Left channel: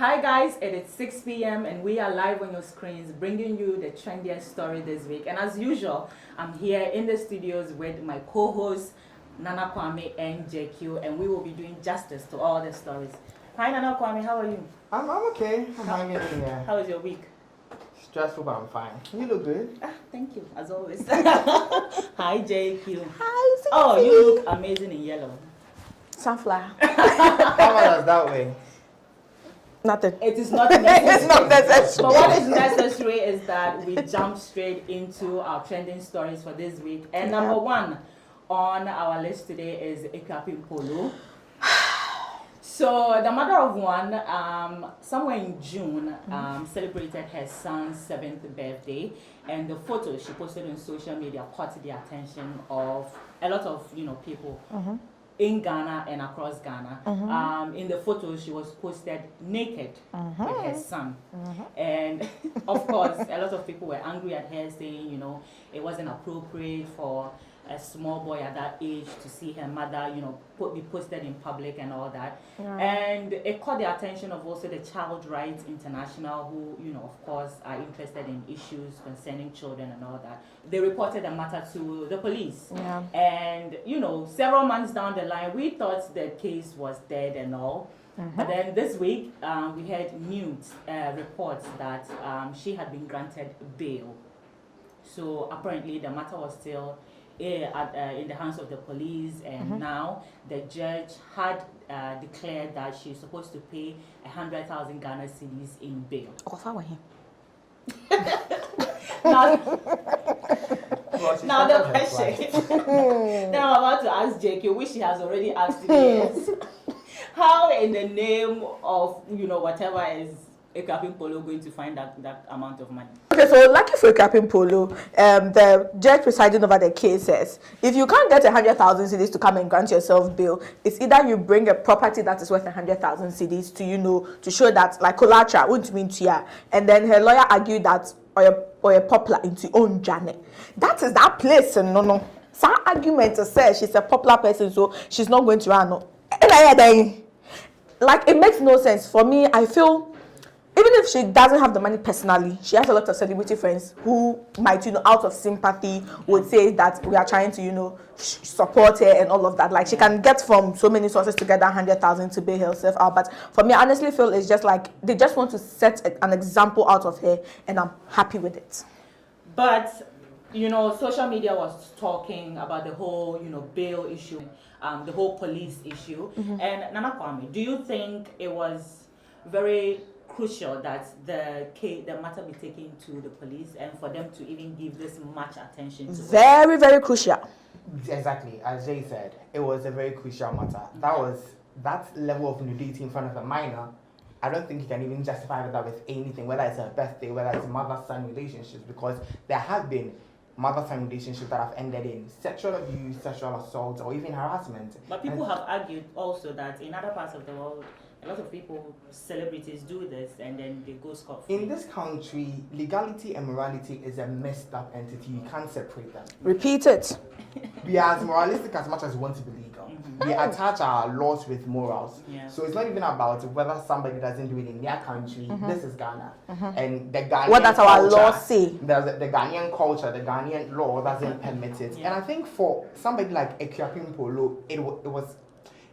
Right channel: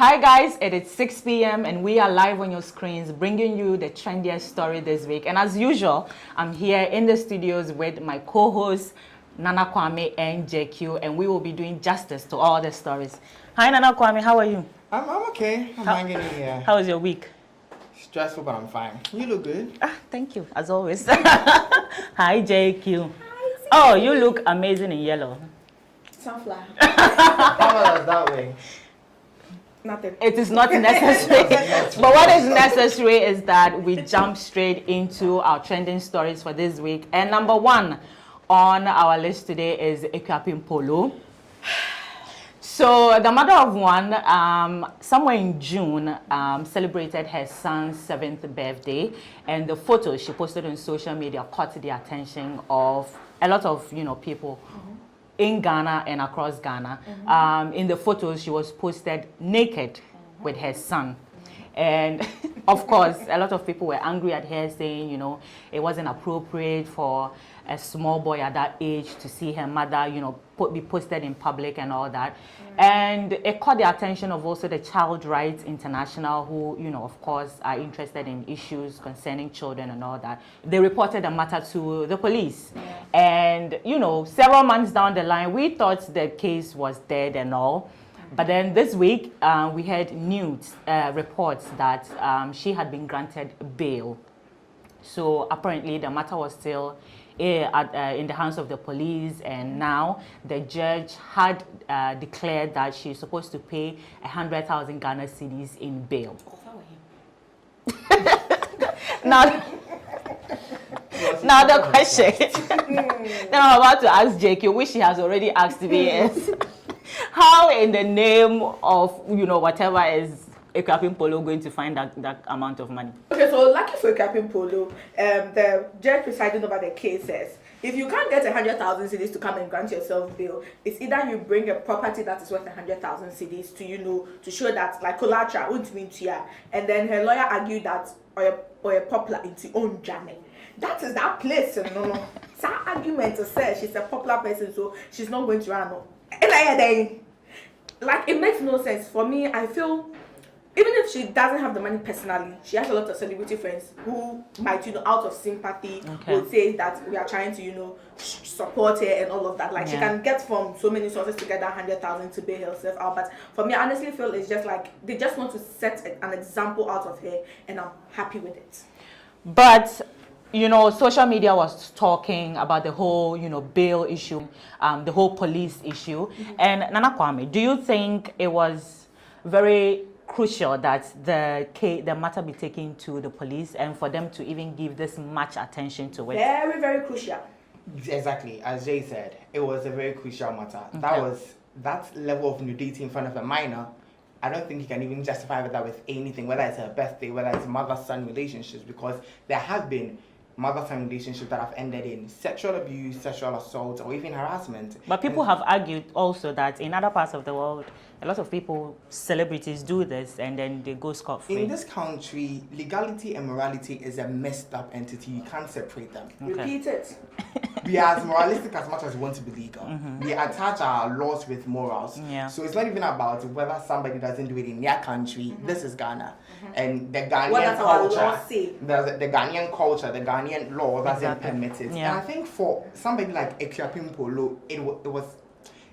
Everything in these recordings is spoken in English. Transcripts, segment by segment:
Hi guys, it is 6 p.m. and we are live on your screens bringing you the trendiest story this week. And as usual, I'm here in the studios with my co-hosts, Nana Kwame and Jacky, and we will be doing justice to all the stories. Hi Nana Kwame, how are you? I'm okay. I'm hanging in here. How was your week? Stressful, but I'm fine. You look good. Thank you, as always. Hi Jacky. Hi. Oh, you look amazing in yellow. Sunflower. How about that way? Nothing. It is not necessary. But what is necessary is that we jump straight into our trending stories for this week. And number one on our list today is Ekwapim Polo. So the mother of one, somewhere in June, celebrated her son's 7th birthday, and the photos she posted on social media caught the attention of a lot of people. In Ghana and across Ghana. In the photos, she was posted naked with her son. And of course, a lot of people were angry at her, saying, it wasn't appropriate for a small boy at that age to see her mother, be posted in public and all that. And it caught the attention of also the Child Rights International, who, of course, are interested in issues concerning children and all that. They reported the matter to the police. And, several months down the line, we thought the case was dead and all. But then this week, we had news reports that she had been granted bail. So apparently the matter was still in the hands of the police, and now the judge had declared that she's supposed to pay 100,000 Ghana cedis in bail. Now the question that I'm about to ask Jacky, which she has already asked me, is how in the name of whatever is Ekwapim Polo going to find that amount of money? Okay, so lucky for Ekwapim Polo, the judge presiding over the case says, if you can't get 100,000 cedis to come and grant yourself bail, it's either you bring a property that is worth 100,000 cedis to to show that like collateral wouldn't mean to ya, and then her lawyer argued that or a popular into own journey. That is that place, and no. That argument says she's a popular person, so she's not going to run. Like it makes no sense for me. I feel. Even if she doesn't have the money personally, she has a lot of celebrity friends who might, out of sympathy, would say that we are trying to, support her and all of that. Like she can get from so many sources to get that 100,000 to bail herself out. But for me, I honestly feel it's just like they just want to set an example out of her, and I'm happy with it. But social media was talking about the whole, bail issue, the whole police issue. And Nana Kwame, do you think it was very crucial that the matter be taken to the police and for them to even give this much attention to it? Very, very crucial. Exactly, as Jay said, it was a very crucial matter. That level of nudity in front of a minor. I don't think you can even justify that with anything, whether it's a birthday, whether it's mother-son relationships, because there have been mother-son relationships that have ended in sexual abuse, sexual assault, or even harassment. But people have argued also that in other parts of the world, a lot of people, celebrities, do this and then they go scot-free. In this country, legality and morality is a messed up entity. You can't separate them. Repeat it. We are as moralistic as much as we want to be legal. We attach our laws with morals. So it's not even about whether somebody doesn't do it in their country. This is Ghana. And the Ghanaian what does our law say? The Ghanaian culture, the Ghanaian law doesn't permit it. And I think for somebody like Ekwapim Polo,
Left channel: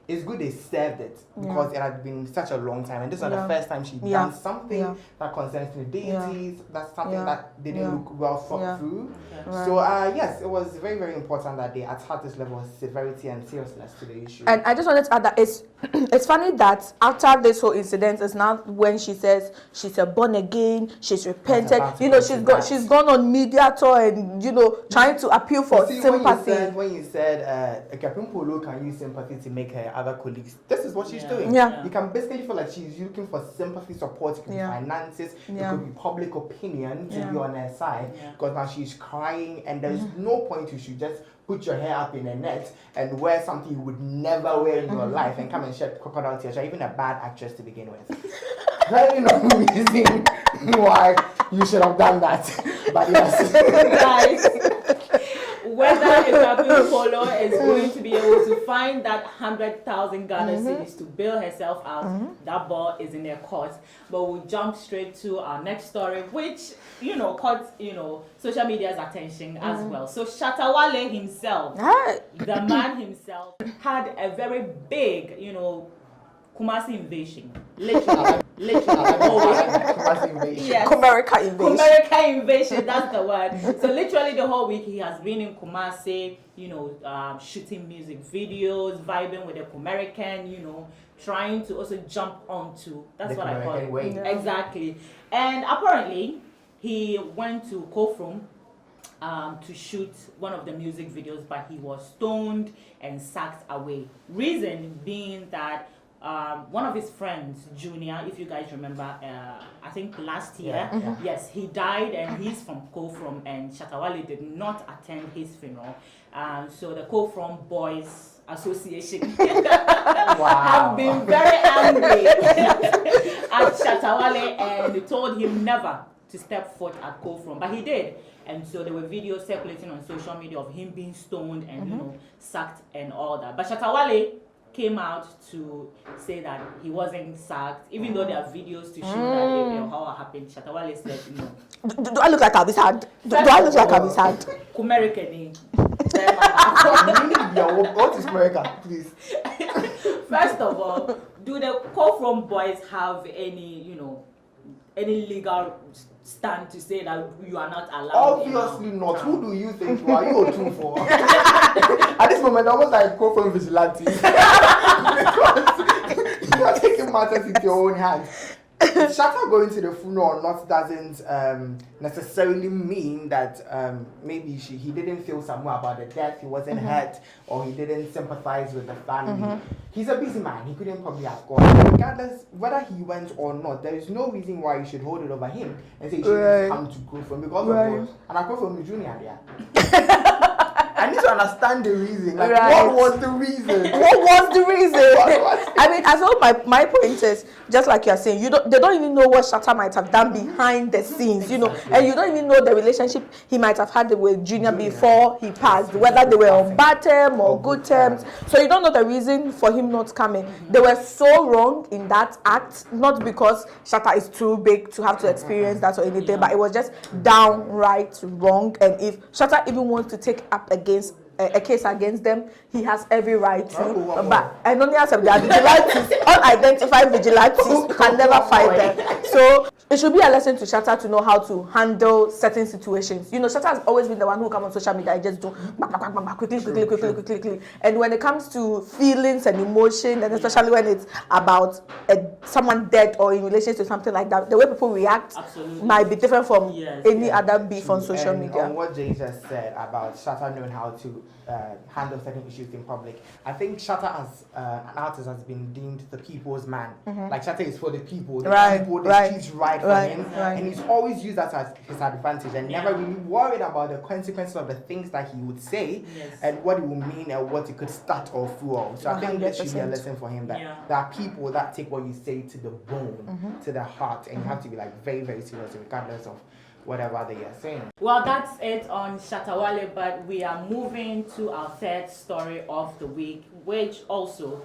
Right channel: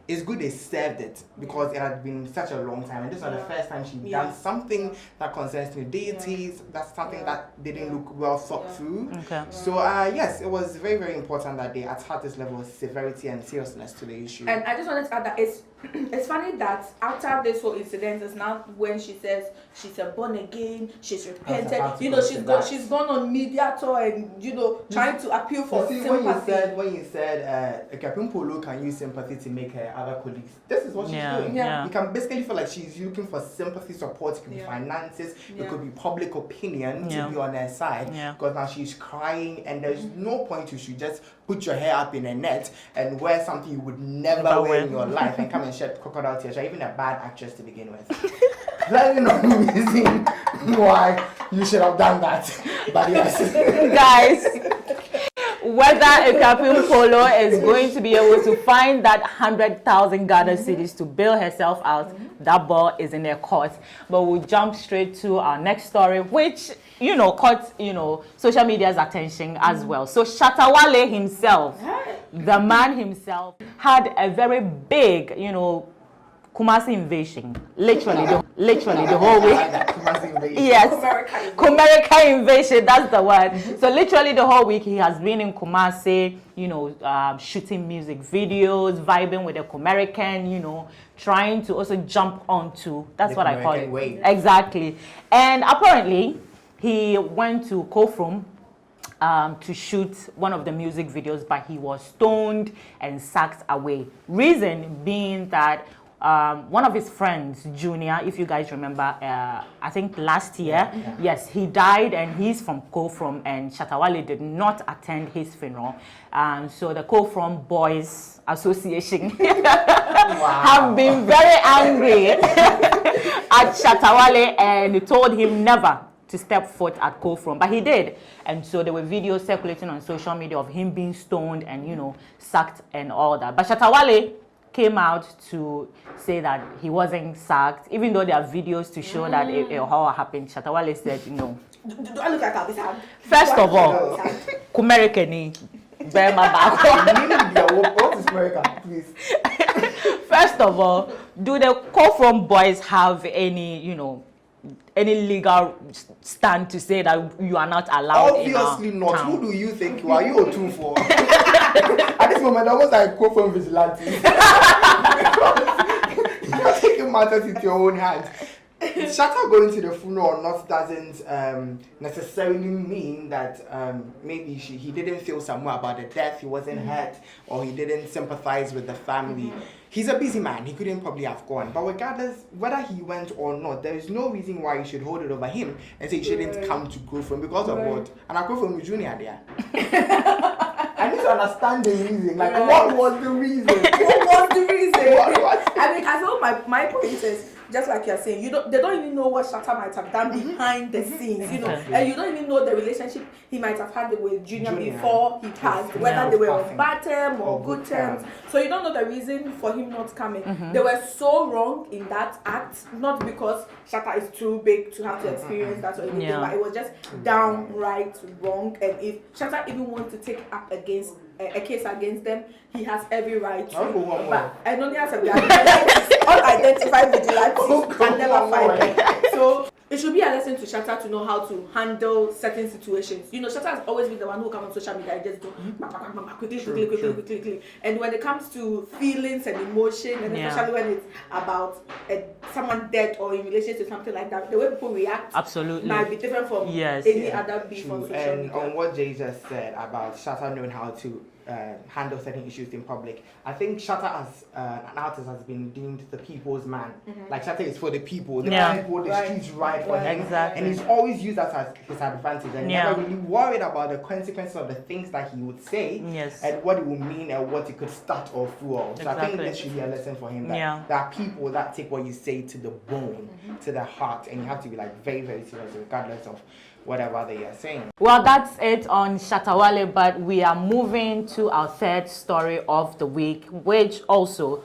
it's good they served it because it had been such a long time, and this was the first time she'd done something that concerns nudity. That's something that didn't look well thought through. So yes, it was very, very important that they attach this level of severity and seriousness to the issue. And I just wanted to add that it's funny that after this whole incident is now when she says she's a born again, she's repented. She's gone on media tour and trying to appeal for sympathy. When you said Ekwapim Polo can use sympathy to make her other colleagues, this is what she's doing. You can basically feel like she's looking for sympathy, support. It could be finances, it could be public opinion to be on her side, because now she's crying, and there's no point you should just put your hair up in a net and wear something you would never wear in your life and come and shed crocodile tears. You're even a bad actress to begin with. That is not the reason why you should have done that. But yes. Guys, whether Ekuapim Polo is going to be able to find that 100,000 Ghana cedis to bail herself out, that ball is in their court. But we'll jump straight to our next story, which, caught, social media's attention as well. So Shatta Wale himself, the man himself, had a very big, kumasi invasion, literally the whole week. Kumasi invasion. Yes, Kumerica invasion. That's the word. So literally the whole week he has been in Kumasi, shooting music videos, vibing with the Kumerican, trying to also jump onto. That's what I call it. Wave. Exactly. And apparently he went to Kofrom to shoot one of the music videos, but he was stoned and sacked away. Reason being that one of his friends, Junior, if you guys remember, I think last year, yes, he died, and he's from Kofrom, and Shatta Wale did not attend his funeral. So the Kofrom Boys Association have been very angry at Shatta Wale and told him never to step foot at Kofrom, but he did. And so there were videos circulating on social media of him being stoned and, sacked and all that. But Shatta Wale came out to say that he wasn't sacked, even though there are videos to show that how it happened. Shatta Wale said no. Do I look like I'll be sad? First of all, Kumerikeni. What is America, please? First of all, do the Kofrom boys have any, any legal stand to say that you are not allowed? Obviously not. Town. Who do you think you are? You are two for. At this moment, I was like Kofrom vigilante. You are taking matters into your own hands. Shatta going to the funeral or not doesn't necessarily mean that maybe he didn't feel somewhere about the death, he wasn't hurt, or he didn't sympathize with the family. He's a busy man, he couldn't probably have gone. But regardless, whether he went or not, there is no reason why you should hold it over him and say you shouldn't come to Kofrom because of what? And I go from Junior there. I need to understand the reason. Like, what was the reason? What was the reason? I mean, I feel my point is, just like you're saying, they don't even know what Shatta might have done behind the scenes, and you don't even know the relationship he might have had with Junior before he passed, whether they were on bad terms or good terms. So you don't know the reason for him not coming. They were so wrong in that act, not because Shatta is too big to have to experience that or anything, but it was just downright wrong. And if Shatta even wants to take up against a case against them, he has every right to. But and only has some vigilantes, unidentified vigilantes can never find them. So it should be a lesson to Shatta to know how to handle certain situations. Shatta has always been the one who comes on social media and just do quickly. And when it comes to feelings and emotion, and especially when it's about someone dead or in relation to something like that, the way people react might be different from any other beef on social media. On what Jay just said about Shatta knowing how to handle certain issues in public, I think Shatta as an artist has been deemed the people's man. Like Shatta is for the people, the streets right for him, and he's always used that as his advantage and never really worried about the consequences of the things that he would say and what it would mean and what it could start or fuel. So I think this should be a lesson for him that there are people that take what you say to the bone, to the heart, and you have to be like very, very serious regardless of whatever they are saying. Well, that's it on Shatta Wale, but we are moving to our third story of the week, which also,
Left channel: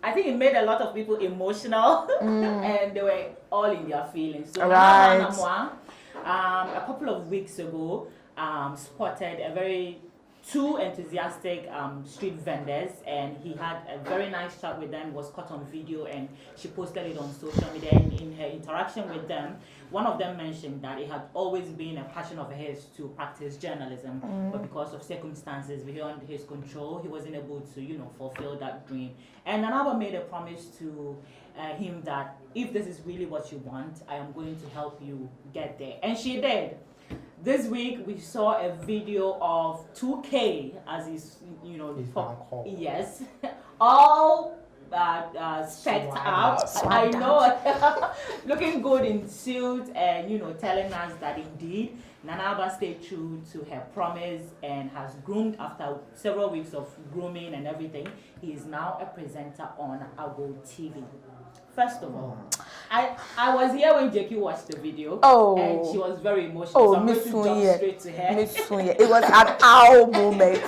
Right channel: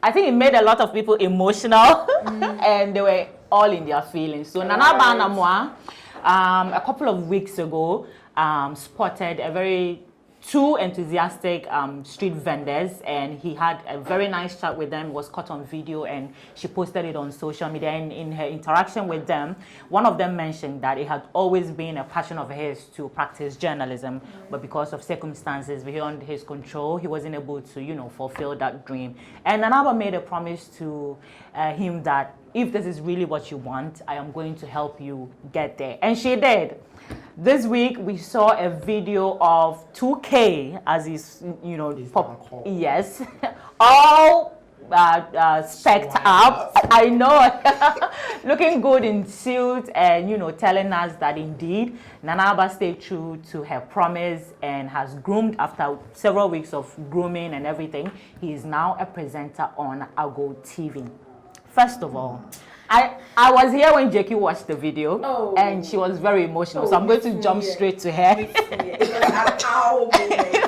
I think it made a lot of people emotional and they were all in their feelings. So Nana Banamwa, a couple of weeks ago, spotted two enthusiastic street vendors, and he had a very nice chat with them. It was caught on video and she posted it on social media. And in her interaction with them, one of them mentioned that it had always been a passion of his to practice journalism, but because of circumstances beyond his control, he wasn't able to, fulfill that dream. And Nanaba made a promise to him that if this is really what you want, I am going to help you get there. And she did. This week we saw a video of 2K as is, yes, all specced up. I know, looking good in suit and telling us that indeed Nanaba stayed true to her promise and has groomed after several weeks of grooming and everything. He is now a presenter on Ago TV. First of all, I was here when Jacky watched the video. And she was very emotional. So I'm going to jump straight to her. It was an owl moment.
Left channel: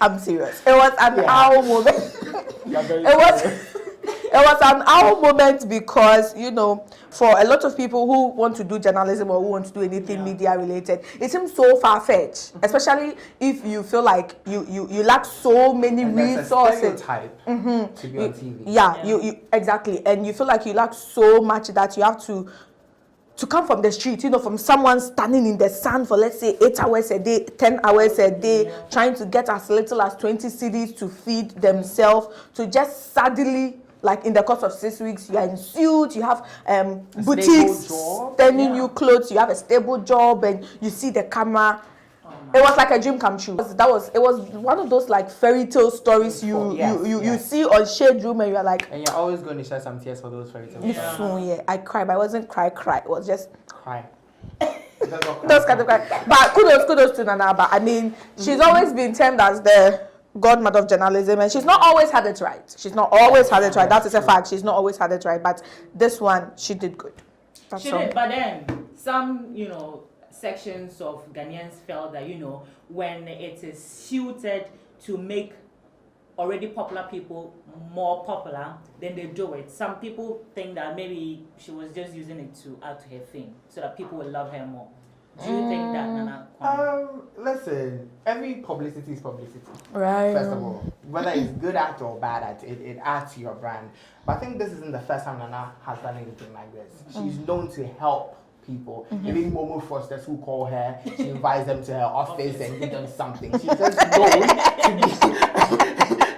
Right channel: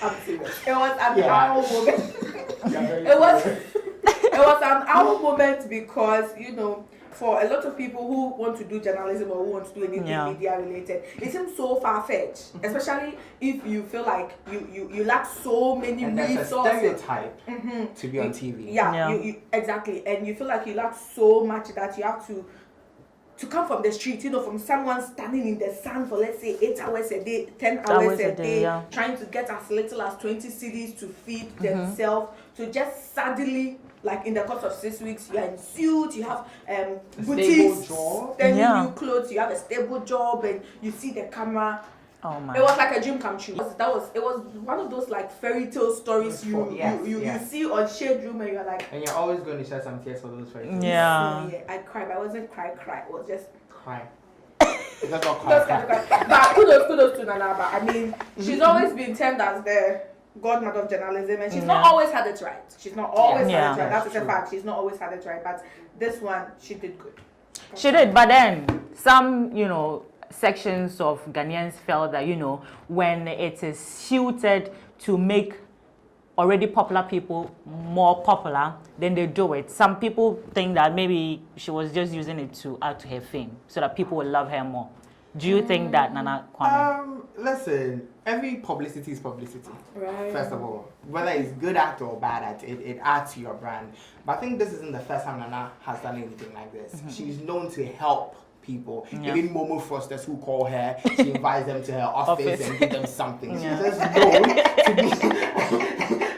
I'm serious. It was an owl moment. It was an owl moment because, you know, for a lot of people who want to do journalism or who want to do anything media related, it seems so far-fetched, especially if you feel like you lack so many resources. There's a stereotype to be on TV. You exactly. And you feel like you lack so much that you have to come from the street, you know, from someone standing in the sun for, let's say, 8 hours a day, 10 hours a day, trying to get as little as 20 cedis to feed themselves, to just suddenly, like in the course of 6 weeks, you are in suit, you have boutiques sending you clothes, you have a stable job, and you see the camera. Oh my. It was like a dream come true. It was one of those like fairy tale stories you see on Shade Room, and you're like, and you're always going to shed some tears for those fairy tales. I cried, but I wasn't cry. It was just cry. That's kind of cry. But kudos to Nana. But I mean, she's always been termed as the godmother of journalism, and she's not always had it right. She's not always had it right. That is a fact. She's not always had it right. But this one, she did good. She did. But then some, you know, sections of Ghanaians felt that, you know, when it is suited to make already popular people more popular, then they do it. Some people think that maybe she was just using it to add to her fame so that people will love her more. Do you think that, Nana Kwame? Listen, every publicity is publicity. Right. First of all, whether it's good at or bad at, it adds to your brand. But I think this isn't the first time Nana has done anything like this. She's known to help people. Even Momo Frosters who call her, she invites them to her office and give them something. She's just known to be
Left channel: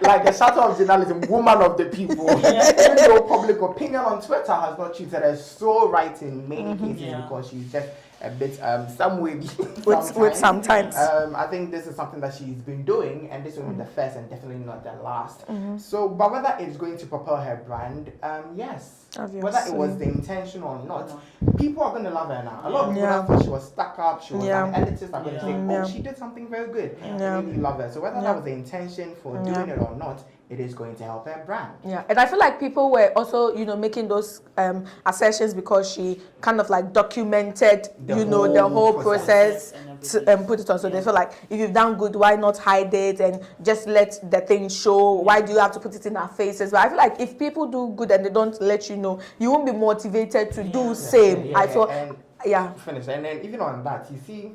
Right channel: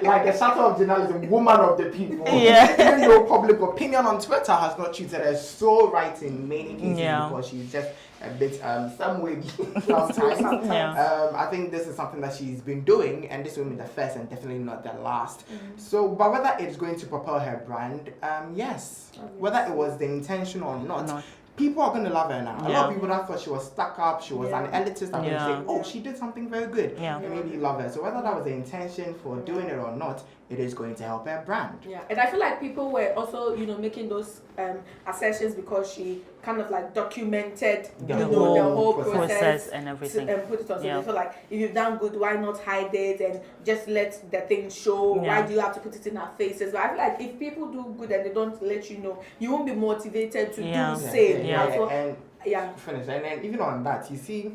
like the shatter of journalism, woman of the people. Even though public opinion on Twitter has not treated her so right in many cases because she's just a bit some way sometimes. I think this is something that she's been doing, and this won't be the first and definitely not the last. So, but whether it's going to propel her brand, yes. Obviously. Whether it was the intention or not, people are going to love her now. A lot of people thought she was stuck up, she was an elitist, and they say, she did something very good. They really love her. So whether that was the intention for doing it or not, it is going to help her brand. Yeah, and I feel like people were also, you know, making those assertions because she kind of like documented, the whole process and everything. To put it on. So they feel like, if you've done good, why not hide it and just let the thing show? Why do you have to put it in our faces? But I feel like if people do good and they don't let you know, you won't be motivated to do same. I thought, finish. And then even on that, you see,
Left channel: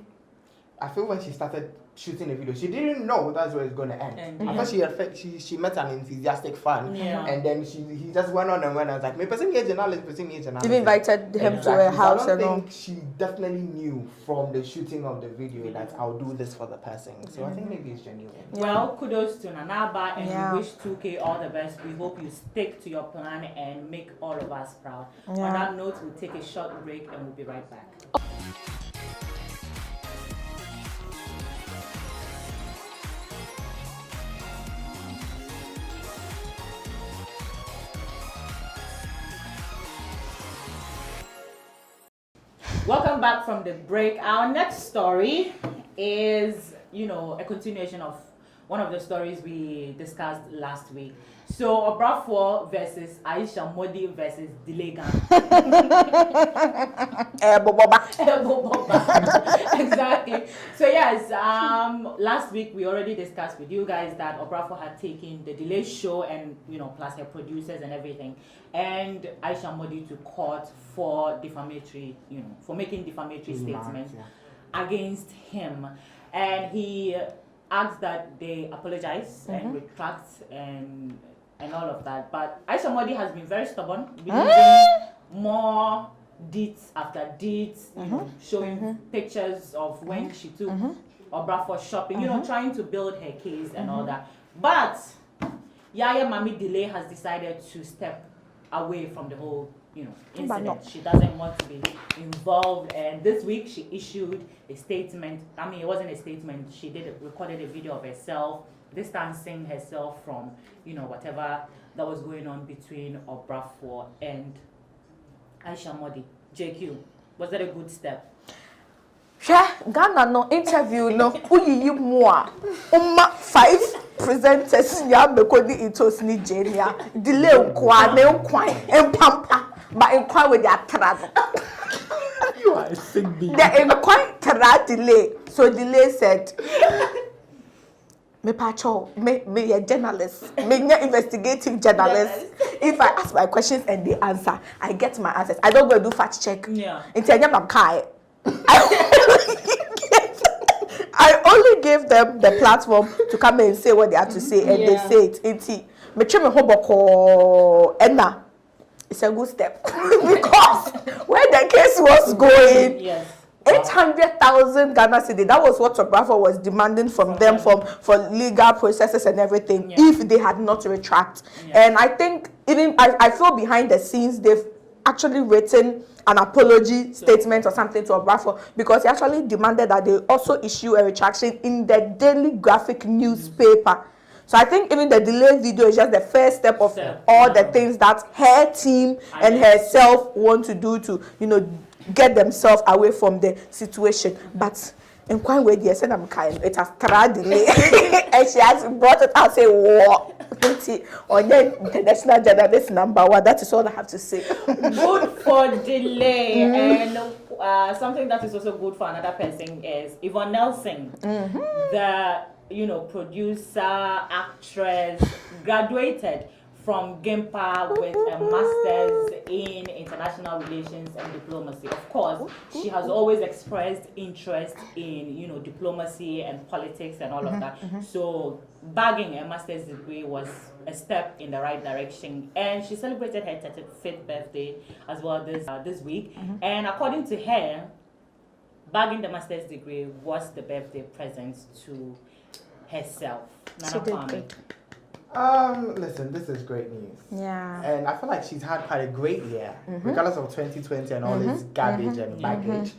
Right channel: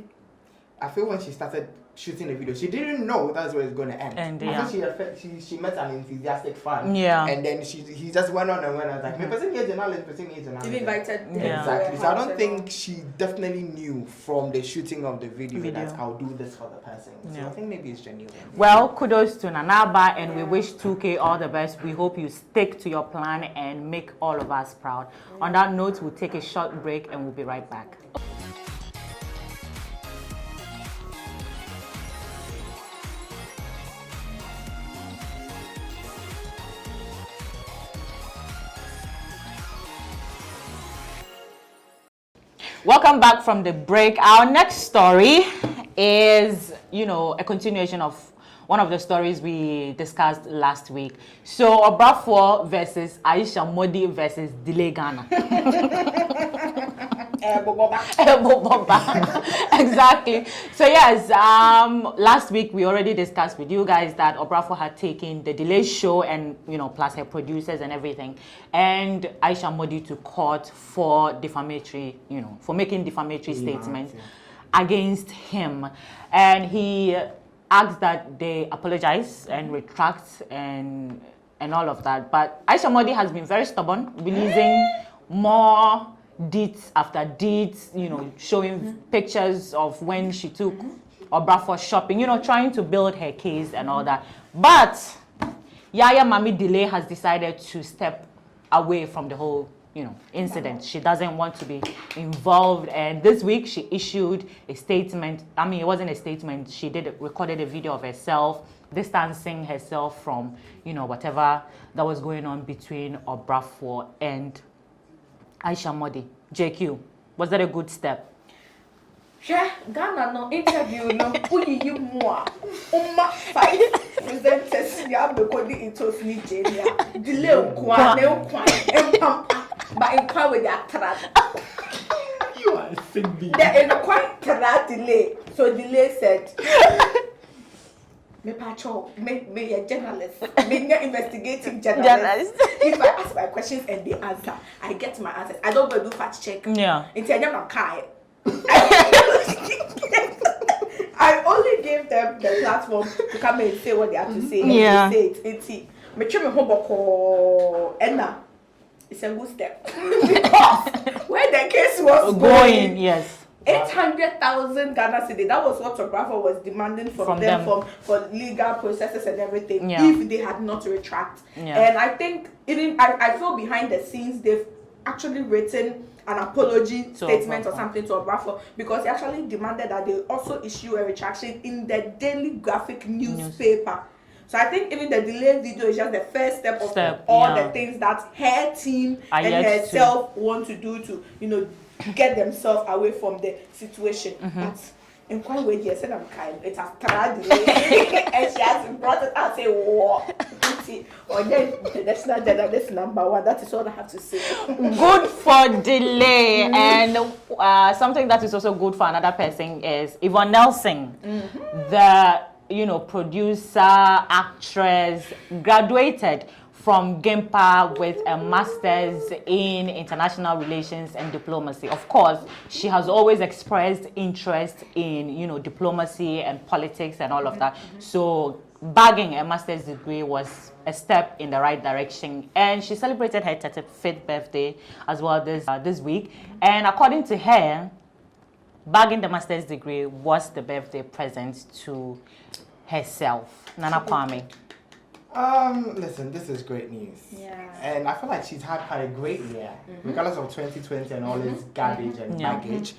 I feel when she started shooting the video, she didn't know that's where it's going to end. I thought she met an enthusiastic fan, and then he just went on and went. I was like, person here journalist. Even invited him to her house. So I don't think she definitely knew from the shooting of the video that I'll do this for the person. So I think maybe it's genuine. Well, kudos to Nanaba, and we wish 2K all the best. We hope you stick to your plan and make all of us proud. On that note, we'll take a short break and we'll be right back. Welcome back from the break. Our next story is, you know, a continuation of one of the stories we discussed last week. So, Oprah For versus Aisha Modi versus Delay Ghana. Exactly. So, yes, last week we already discussed with you guys that Oprah For had taken the Delay show and, you know, plus her producers and everything, and Aisha Modi to court for defamatory, you know, for making defamatory statements against him. And he asked that they apologize and retract and all of that. But Aisha Modi has been very stubborn, releasing more deeds after deeds, you know, showing pictures of when she took Oprah For shopping, you know, trying to build her case and all that. But Yaya Mami Delay has decided to step away from the whole, you know, incident. She doesn't want to be involved, and this week she issued a statement. I mean, it wasn't a statement. She recorded a video of herself distancing herself from, you know, whatever that was going on between Oprah For and Aisha Modi. JQ, was that a good step? Ghana no interview no uyi more. 5 presenters ya mekodi itos ni Jenia. Delay kwa empampa. with their trad. You are a sick bee. They're in quite trad delay. So delay said, me patrol, me a journalist, me a investigative journalist. If I ask my questions and they answer, I get my answers. I don't go do fact check. Yeah. It's a young kai. I only gave them the platform to come and say what they have to say, and they say it. It's me try me hoboko enna. It's a good step because where the case was going, yes. 800,000 Ghana cedi. That was what Oprah For was demanding from them for legal processes and everything. If they had not retract, and I think even I feel behind the scenes they've actually written an apology statement or something to Oprah For because he actually demanded that they also issue a retraction in the daily graphic newspaper. So I think even the delay video is just the first step of all the things that her team and herself want to do to, you know, get themselves away from the situation. But in one way, they said I'm kind. It has tried delay, and she has brought it out. Say, "What?" Or then international journalist #1. That is all I have to say. Good for delay, and something that is also good for another person is Yvonne Nelson, the producer, actress, graduated from GIMPA with a master's in international relations and diplomacy. Of course, she has always expressed interest in, diplomacy and politics and all of that. So bagging a master's degree was a step in the right direction. And she celebrated her 35th birthday as well this week. And according to her, bagging the master's degree was the birthday present to herself. Nana Kwame. Listen, this is great news. Yeah. And I feel like she's had quite a great year. Regardless of 2020 and all its garbage and baggage.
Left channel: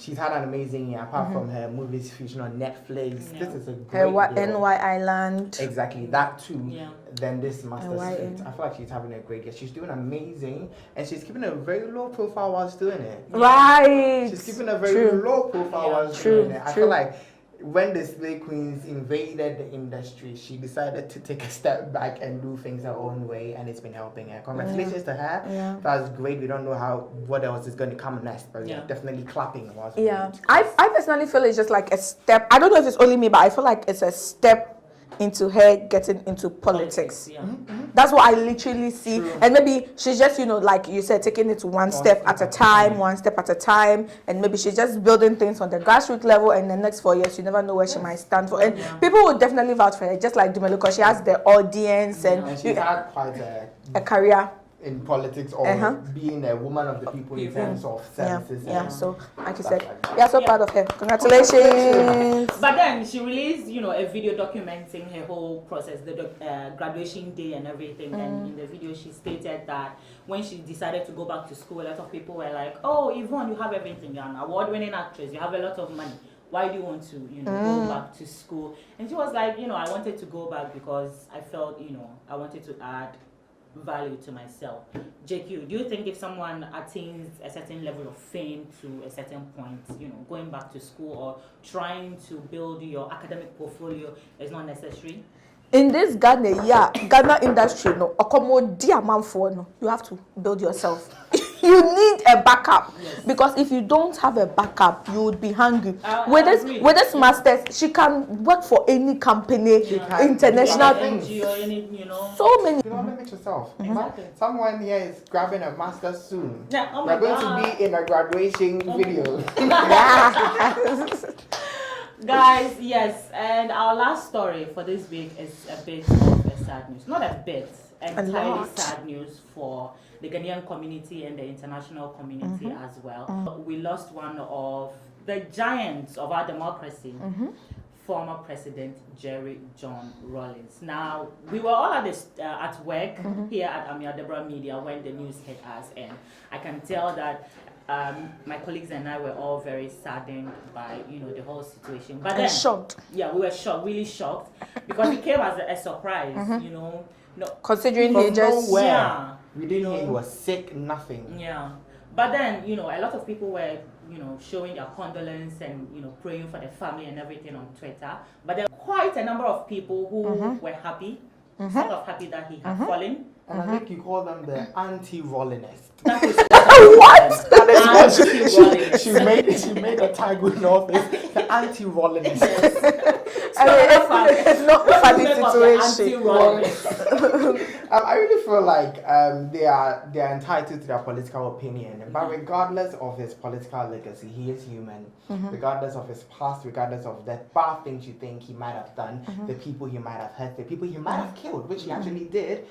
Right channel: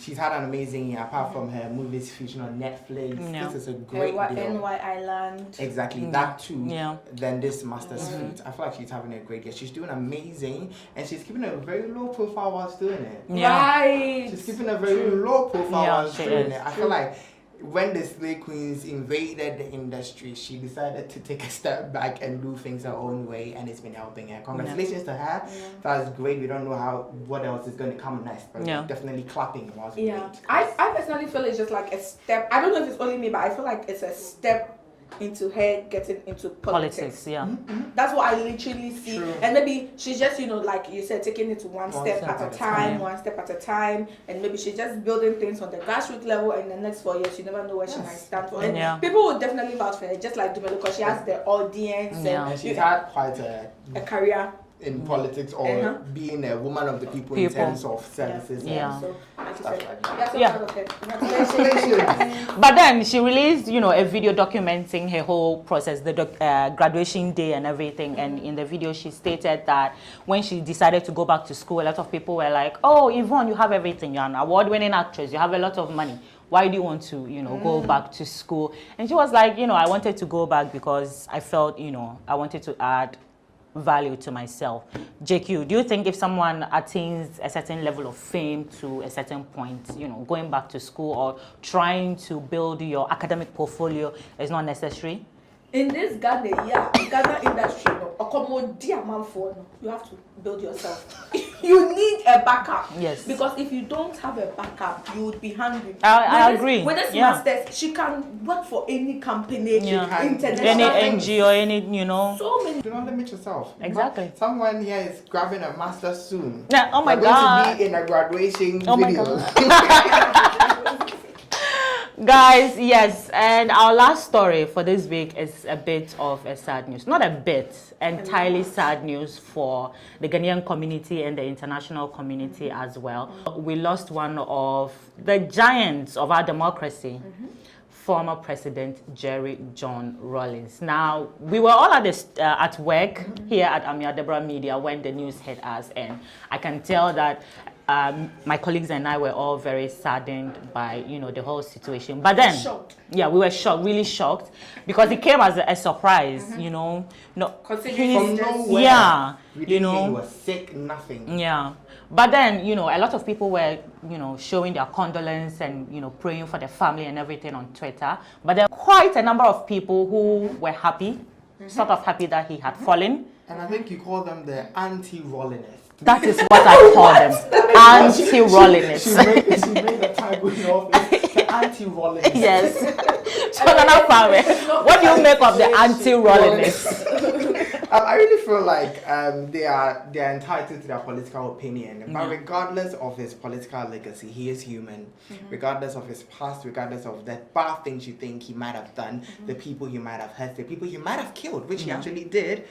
She's had an amazing year, apart from her movies featuring on Netflix. This is a great deal. NY Island. Exactly, that too. Then this Master's Feat. I feel like she's having a great year. She's doing amazing, and she's keeping a very low profile whilst doing it. Right. She's keeping a very low profile whilst doing it. I feel like when the Slay Queens invaded the industry, she decided to take a step back and do things her own way, and it's been helping her. Congratulations to her. That's great. We don't know what else is going to come next, but we're definitely clapping whilst we wait. I personally feel it's just like a step. I don't know if it's only me, but I feel like it's a step into her getting into politics. That's what I literally see. And maybe she's just, like you said, taking it one step at a time, and maybe she's just building things on the grassroots level, and the next 4 years you never know where she might stand for. And people would definitely vouch for her, just like Dumelo, because she has the audience and she's had quite a career in politics or being a woman of the people in terms of services. So, like you said, we are so proud of her. Congratulations. But then she released, a video documenting her whole process, the graduation day and everything. And in the video, she stated that when she decided to go back to school, a lot of people were like, "Oh, Yvonne, you have everything. You're an award-winning actress. You have a lot of money. Why do you want to, go back to school?" And she was like, I wanted to go back because I felt, I wanted to add value to myself. JQ, do you think if someone attains a certain level of fame to a certain point, going back to school or trying to build your academic portfolio is not necessary? In this Ghana industry, you have to build yourself. You need a backup. Yes. Because if you don't have a backup, you would be hungry. I agree. With this master's, she can work for any company, international any NGO, any, So many. Do not limit yourself. Exactly. Someone here is grabbing a master's soon. Yeah, oh my They're God. going to be in a graduation video. Guys, yes, and our last story for this week is a bit of a sad news. Not a bit, entirely sad news for the Ghanaian community and the international community as well. We lost one of the giants of our democracy, former President J.J Rawlings. Now, we were all at work here at Ameyaw Media when the news hit us, and I can tell that my colleagues and I were all very saddened by, the whole situation. But then, shocked. Yeah, we were shocked, really shocked, because it came as a surprise, considering From it's just nowhere. We didn't hear you were sick, nothing. Yeah. But then, a lot of people were, showing their condolence and, praying for their family and everything on Twitter. But there were quite a number of people who were happy, sort of happy that he had fallen. And I think you call them the anti-Rawlinists. That is what I call them. Anti-Rawlings. She made a tag with no face. The anti-Rawlings. Yes. So what do you make of the anti-Rawlings? I really feel like they are entitled to their political opinion. But regardless of his political legacy, he is human. Regardless of his past, regardless of the bad things you think he might have done, the people he might have hurt, the people he might have killed, which he actually did.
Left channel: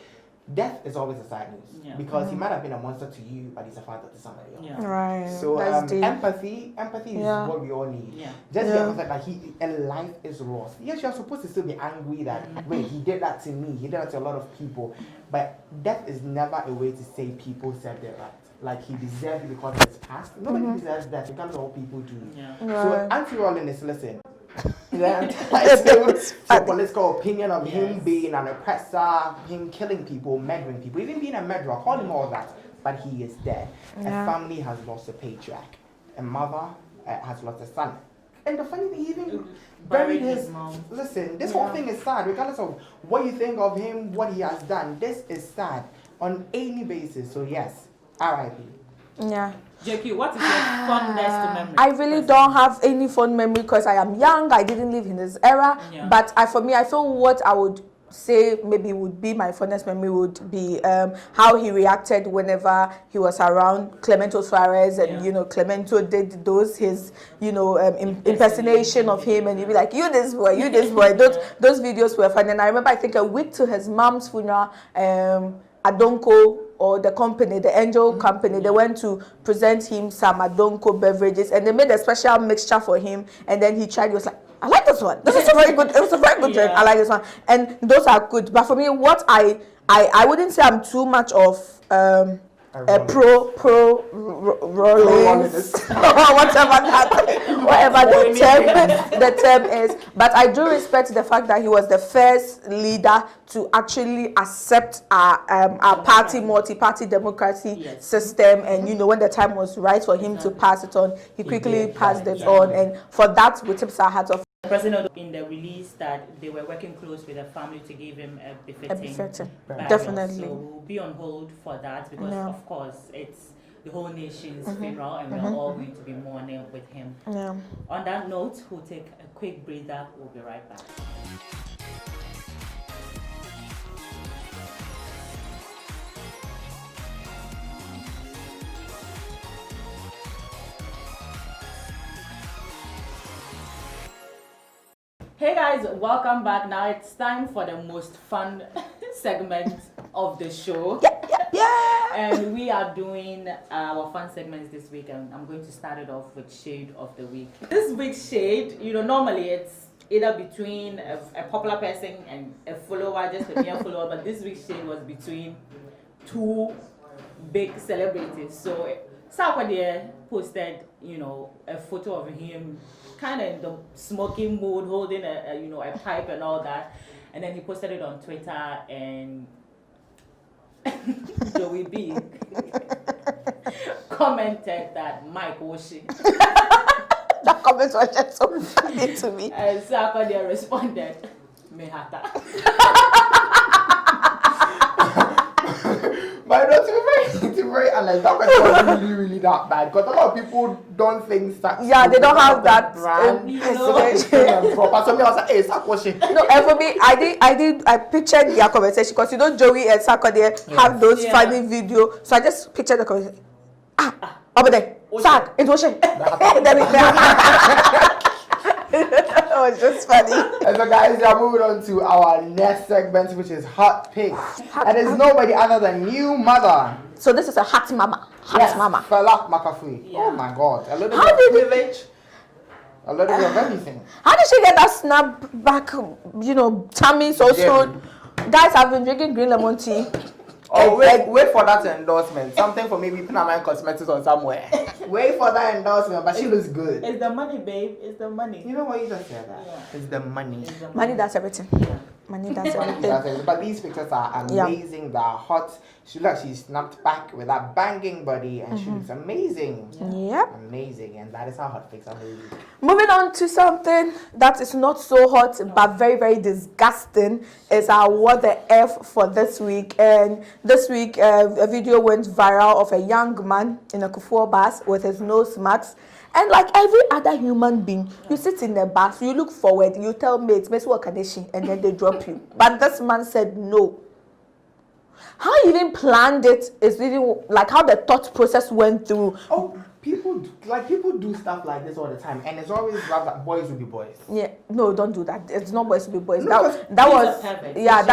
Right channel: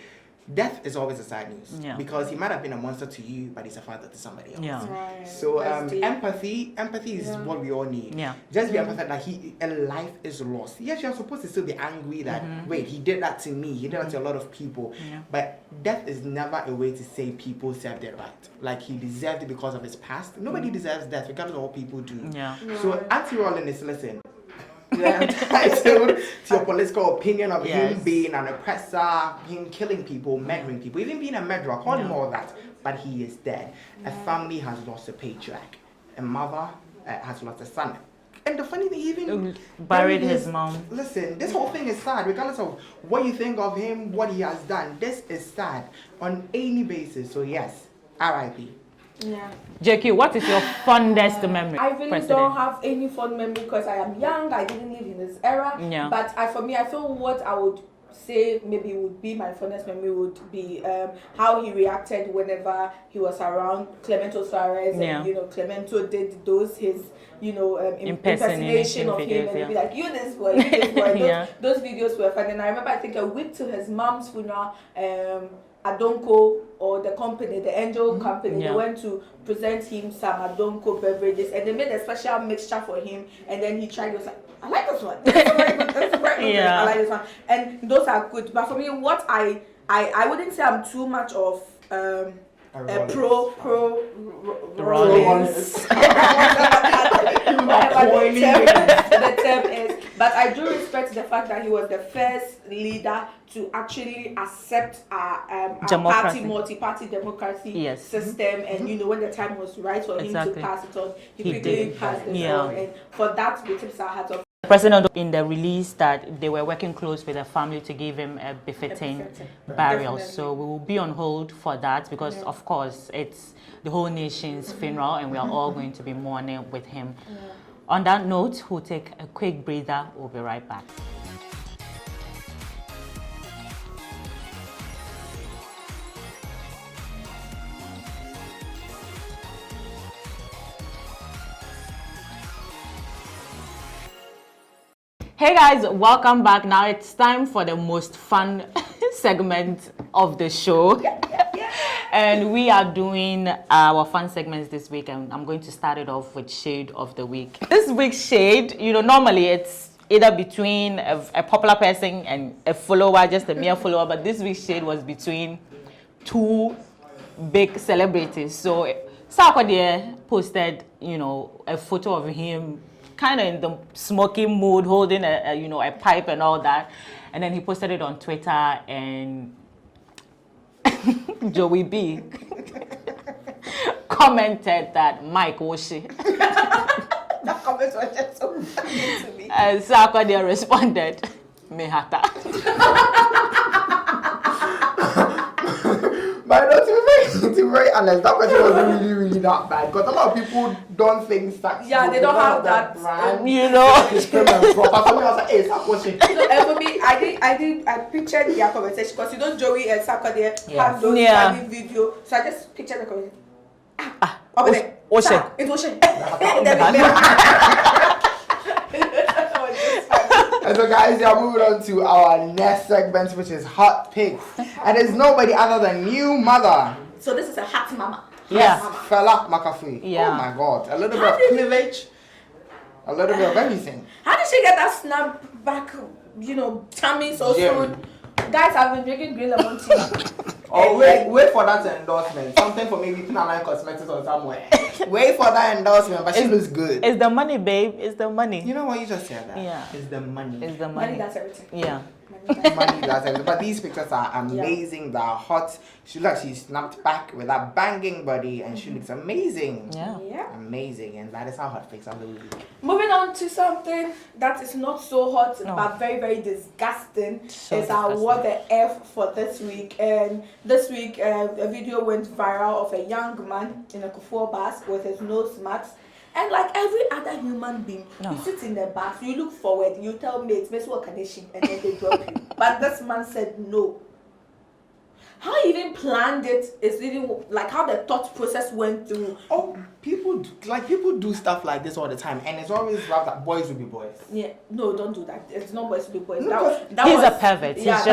Death is always a sad news because he might have been a monster to you, but he's a father to somebody else. Yeah. Right. So empathy is what we all need. Yeah. Just be empathetic that a life is lost. Yes, you're supposed to still be angry that wait, he did that to me, he did that to a lot of people. Yeah. But death is never a way to say people served their right. Like he deserved it because of his past. Nobody deserves death, regardless of what people do. Yeah. So anti-Rawlings, listen. Your political opinion of him being an oppressor, him killing people, murdering people, even being a murderer, call him all that, but he is dead. A family has lost a patriarch, a mother has lost a son. And the funny thing, he even buried his mom. Listen, this whole thing is sad, regardless of what you think of him, what he has done. This is sad on any basis. So yes, R.I.P. Yeah. Jacky, what is your fondest memory? I really don't have any fond memory because I am young. I didn't live in this era. Yeah. But for me, I feel what I would say maybe would be my fondest memory would be how he reacted whenever he was around Clemento Suarez and Clemento did his impersonation of him and he'd be like, you this boy. Those videos were fun. And I remember I think a week to his mom's funeral, Adonko or the company, the Angel company, they went to present him some Adonko beverages and they made a special mixture for him and then he tried. He was like, I like this one. This is a very good. It's a very good drink. I like this one, and those are good. But for me, what I wouldn't say I'm too much of a pro Rawlings, whatever the term is. But I do respect the fact that he was the first leader to actually accept our party, multi-party democracy system. And when the time was right for him to pass it on, he quickly passed it on. And for that, we tips our hat off. The president in the release that they were working close with the family to give him a befitting burial. Definitely. So we will be on hold for that because of course it's the whole nation's funeral and we are all going to be mourning with him. On that note, we'll take a quick breather. We'll be right back. Hey guys, welcome back. Now it's time for the most fun segment of the show. And we are doing our fun segments this week and I'm going to start it off with Shade of the Week. This week's shade, normally it's either between a popular person and a follower, just a mere follower, but this week's shade was between two big celebrities. So Sarkodie posted, a photo of him kind of in the smoking mood, holding a pipe and all that, and then he posted it on Twitter, and Joey B commented that Mike Woshi. That comment was just so funny to me. And Sarkodie responded, Mehata. But to be very honest, that question wasn't really that bad because a lot of people don't think that. Yeah, they don't have that brand, But somebody was like, "Hey, stop watching." And for me, I pictured their conversation because Joey and Sarkodie have those funny videos, so I just pictured the conversation. Over there, Sark, it was It was just funny. And so guys, we are moving on to our next segment, which is Hot Picks. And it's nobody other than New Mother. So this is a hot mama. Mama. Fela McAfee. Yeah. Oh my God. A little bit of privilege. A little bit of everything. How did she get that snap back, tummy so soon? Guys, I've been drinking green lemon tea. Oh, wait for that endorsement. Something for maybe Pinaline Cosmetics or somewhere. Wait for that endorsement, but she looks good. It's the money, babe. It's the money. You know what? You just said that. Yeah. It's the money. It's the Money, that's everything. Yeah. Money does Money does everything. But these pictures are amazing. They're hot. She looks like she snapped back with that banging body, and she looks amazing. Yeah. Amazing. And that is our hot fix of the week. Moving on to something that is not so hot but very, very disgusting is our What the F for this week. And this week, a video went viral of a young man in a Kofrom bus with his nose mask. And like every other human being, you sit in the bus, you look forward, you tell mates, and then they drop you. But this man said no. How he even planned it is really like how the thought process went through. Oh, people do stuff like this all the time, and it's always rough that boys will be boys. Yeah, no, don't do that. It's not boys will be boys. No, that he's was a pervert. Yeah,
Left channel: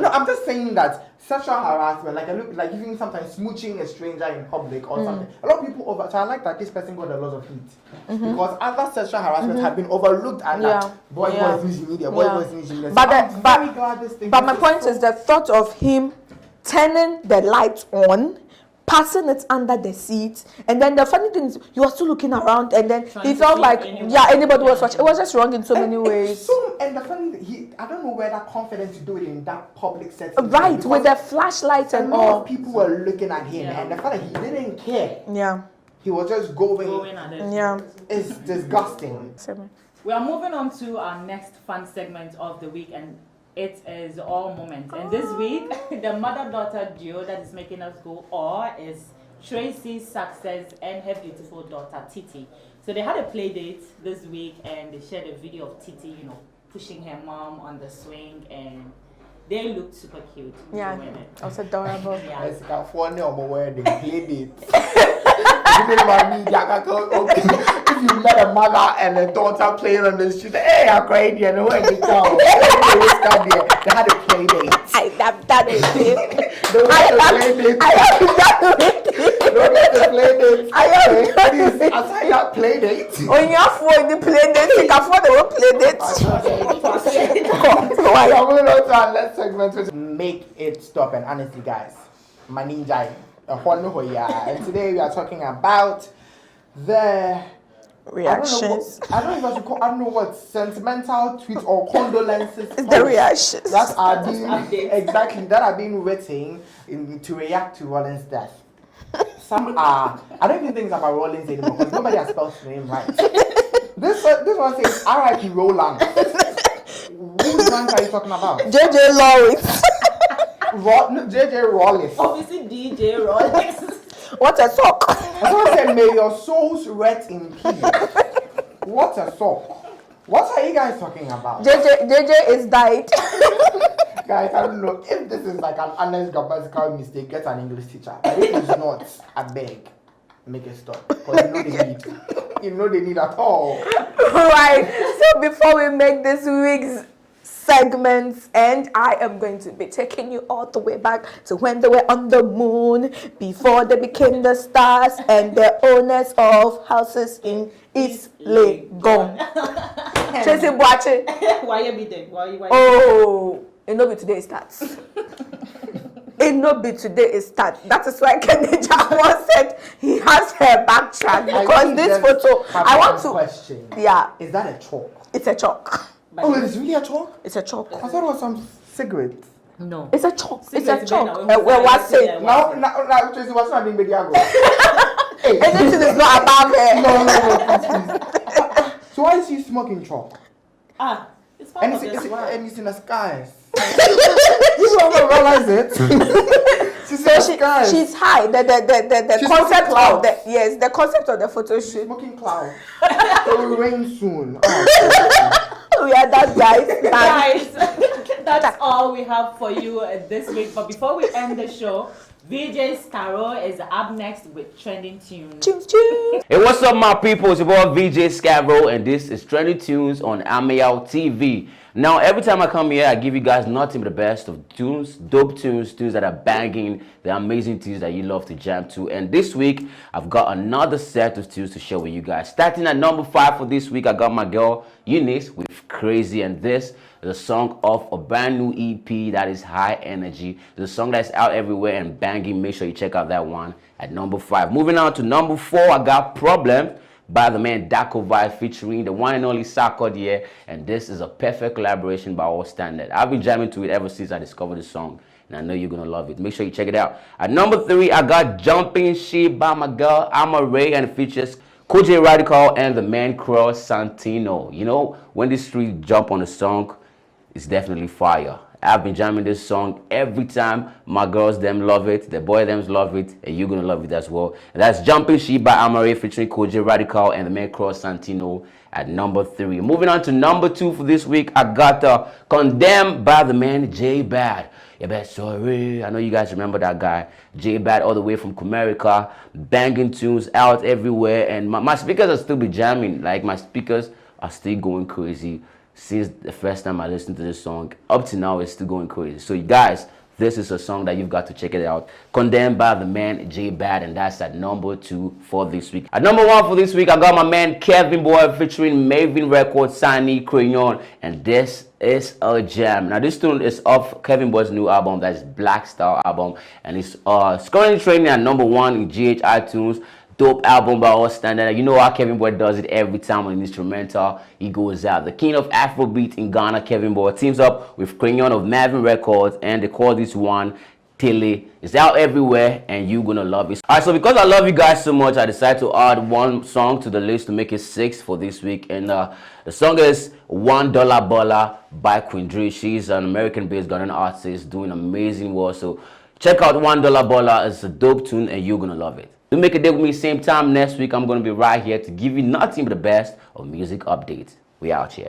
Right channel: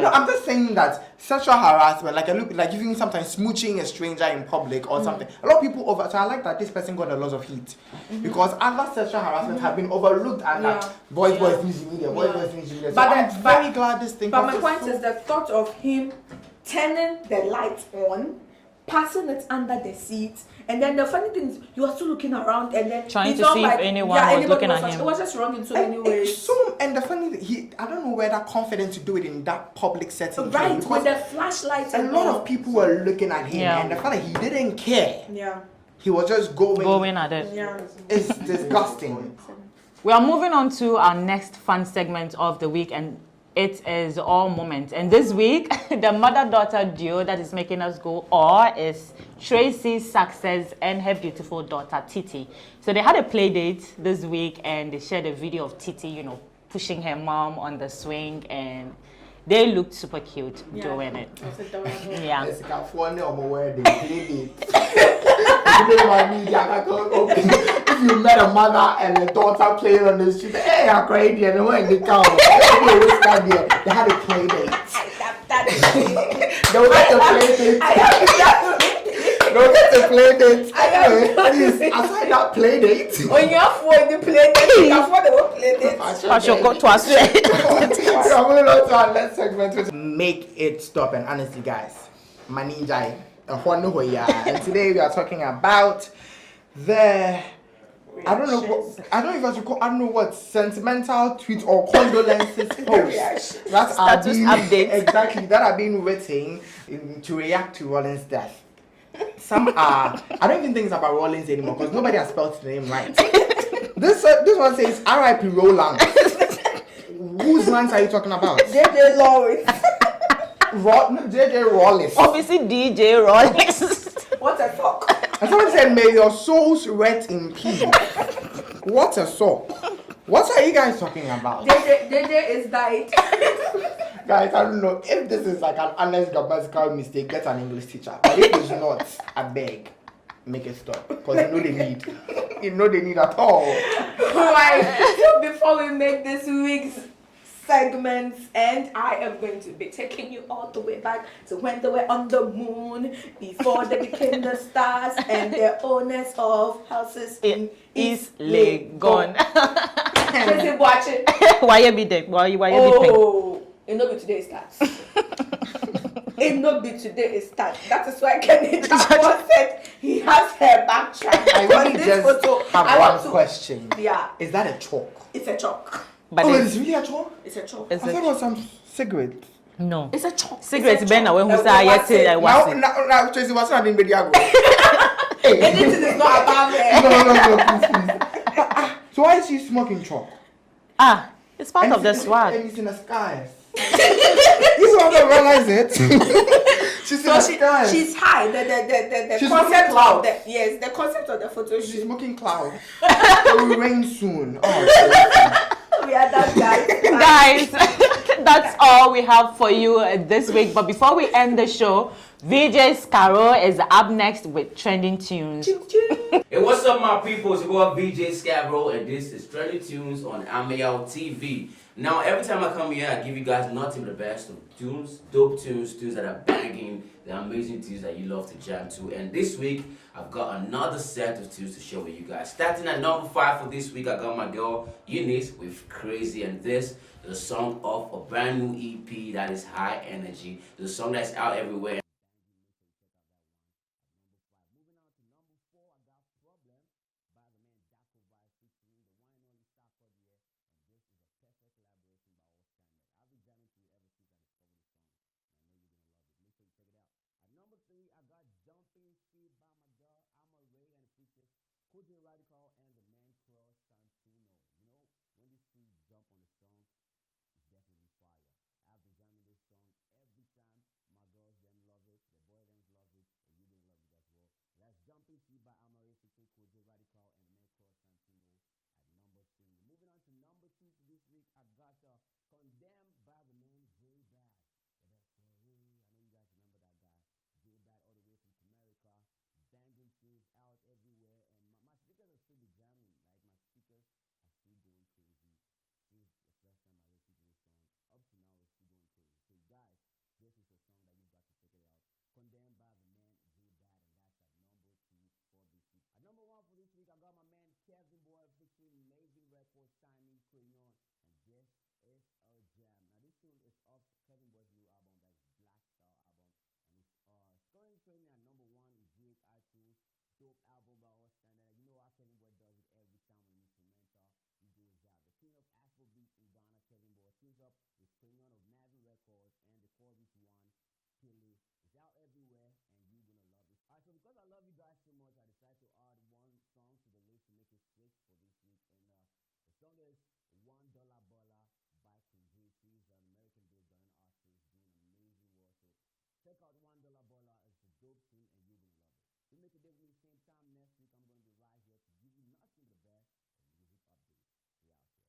No, I'm just saying that sexual harassment, like even sometimes smooching a stranger in public or something. A lot of people over. So I like that this person got a lot of heat because other sexual harassment have been overlooked and like boys news media, boys news media. So I'm very glad this thing. But my point is the thought of him turning the light on, passing it under the seat, and then the funny thing is you are still looking around, and then trying it felt like anybody was watching. It was just wrong in so many ways. And the funny thing, I don't know where that confidence to do it in that public setting. Right, with the flashlights and all. A lot of people were looking at him, and the fact that he didn't care. Yeah. He was just going at it. Yeah. It's disgusting. We are moving on to our next fun segment of the week, and it is All Moment. And this week, the mother-daughter duo that is making us go is Tracy Success and her beautiful daughter Titi. So they had a play date this week, and they shared a video of Titi, pushing her mom on the swing, and they looked super cute doing it. That's adorable. Yeah. It's like funny on my wedding play date. If you met a mother and a daughter playing on the street, hey, I'm crazy, and when they come, they had a play date. I love that. Don't get a play date. Don't get a play date. Please, aside that play date. When you afford the play date, you can afford the whole play date. I should go to us. So moving on to our next segment, which is Make It Stop. And honestly, guys, my ninja. And today we are talking about the reactions. I don't know what sentimental tweets or condolences The reactions. that are being written to react to Rawlings' death. Some are. I don't even think it's about Rawlings anymore because nobody has spelled his name right. This one says R.I.P. Rawlings. Whose lines are you talking about? JJ Rawlings. JJ Rawlings. Obviously, DJ Rawlings. What a sock. And someone said, may your souls rest in peace. What a sock. What are you guys talking about? JJ is died. Guys, I don't know if this is like an honest grammatical mistake. Get an English teacher. But if it's not, I beg, make it stop. Because you know they need at all. Right. So before we make this week's segments, and I am going to be taking you all the way back to when they were on the moon, before they became the stars and the owners of houses in East Legon. Tracy watching. Why you be there? Why you it no be today it starts. It no be today it starts. That is why Kenny Jackson said he has her backtrack because this photo. I want to question. Yeah. Is that a chalk? It's a chalk. But it's really a chalk? It's a chalk. I thought it was some cigarette. No. It's a chalk. Cigarettes been away. Now, Tracy was not in video. Anything is not about her. No, please. So why is she smoking chalk? It's part of the swag. And it's in the skies. You don't realize it. She's in the skies. She's high. The concept of the concept of the photo shoot. She's smoking clouds. It will rain soon. We are that guys. That's all we have for you this week. But before we end the show, VJ Scaro is up next with Trending Tunes. Hey, what's up, my people? It's your boy VJ Scaro, and this is Trending Tunes on Ameyaw TV. Now, every time I come here, I give you guys nothing but the best of tunes, dope tunes that are banging, the amazing tunes that you love to jam to. And this week, I've got another set of tunes to share with you guys. Starting at number 5 for this week, I got my girl Eunice with Crazy, and this is a song off a brand new EP that is high energy. It's a song that's out everywhere and banging. Make sure you check out that one at number 5. Moving on to number 4, I got Problem by the man Daco Vibe featuring the one and only Sarkodie, and this is a perfect collaboration by all standards. I've been jamming to it ever since I discovered the song, and I know you're gonna love it. Make sure you check it out. At number 3, I got Jumping Ship by my girl Ameyaw, and it features JJ Rawlings and the man Cross Santino. You know, when these three jump on a song, it's definitely fire. I've been jamming this song every time. My girls them love it, the boy them love it, and you're gonna love it as well. And that's Jumping Ship by Ameyaw featuring JJ Rawlings and the man Cross Santino at number 3. Moving on to number 2 for this week, I got Condemned by the man J Bad. Yeah, bad sorry. I know you guys remember that guy, J Bad, all the way from America, banging tunes out everywhere, and my speakers are still be jamming. Like, my speakers are still going crazy. Since the first time I listened to this song, up to now, it's still going crazy. So you guys, this is a song that you've got to check it out. Condemned by the man J Bad, and that's at number 2 for this week. At number 1 for this week, I got my man Kevin Boy featuring Maven Records, Sunny Crayon, and this is a jam. Now this tune is off Kevin Boy's new album, that is Black Star album, and it's currently trending at number 1 in GH iTunes. Dope album by all standard. You know how Kevin Boy does it every time on an instrumental. He goes out. The king of Afrobeat in Ghana, Kevin Boy, teams up with Crayon of Maven Records, and they call this one Tele. It's out everywhere, and you're gonna love it. Alright, so because I love you guys so much, I decided to add one song to the list to make it 6 for this week. And the song is $1 Baller by Queen Dre. She's an American-based Ghanaian artist doing amazing work. So check out $1 Baller. It's a dope tune, and you're gonna love it. Do make a day with me same time next week. I'm going to be right here to give you nothing but the best of music updates. We out here.